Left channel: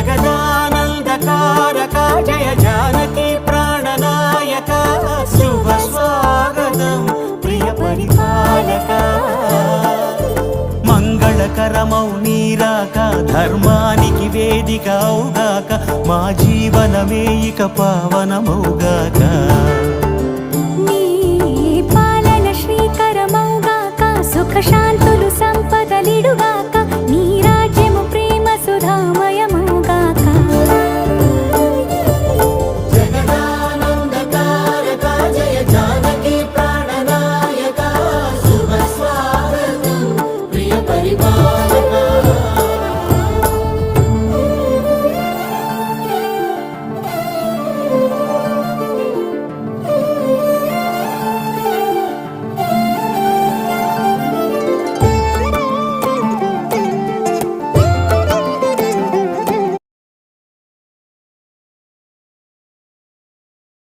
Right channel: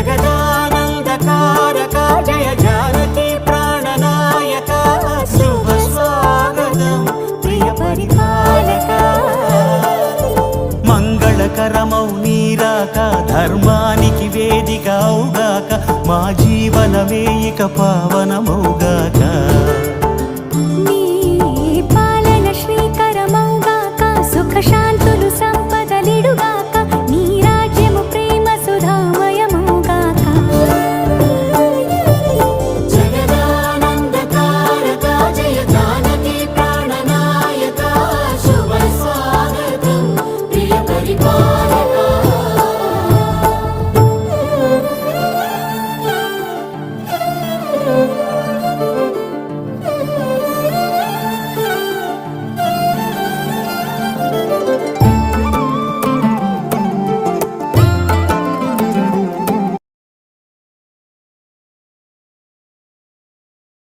జగదానందకారక జయ జానకి ప్రాణనాయక శుభ స్వాగతం ప్రియ పరిపాలక మంగళకరమౌ నీరాక ధర్మానికి వేదిక అవుగాక మా జీవనమే ఇక పావనమౌగాక నీ పాలన శ్రీకరమౌగాక సుఖ శాంతులు సంపదలిడుగా